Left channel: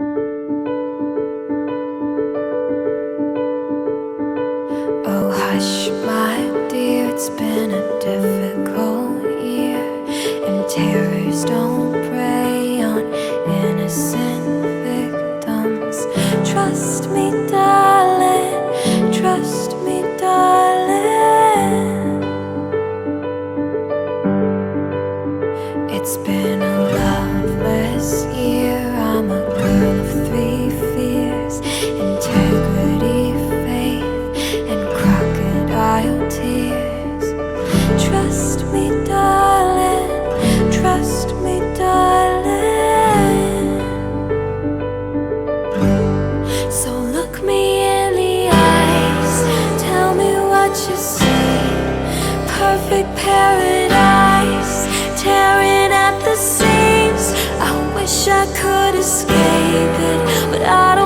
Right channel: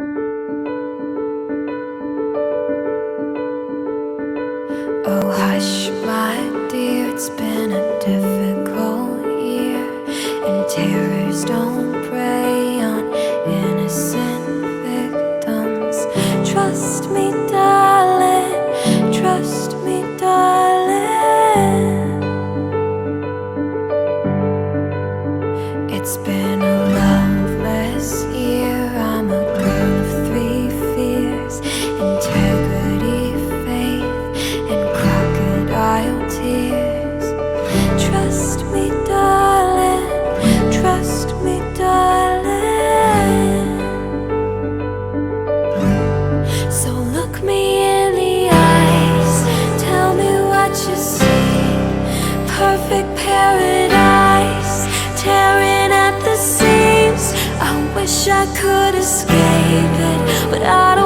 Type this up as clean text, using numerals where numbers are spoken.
Oh hush, my dear, it's been a difficult year, and terrors don't prey on innocent victims. Trust me, darling, trust me, darling. It's been a loveless year. I'm a girl of three fears: integrity, faith, and crocodile tears. Trust me, darling, trust me, darling. So look me in the eyes, tell me what you see. Perfect paradise, tearing at the seams. I wish I could escape it, but I don't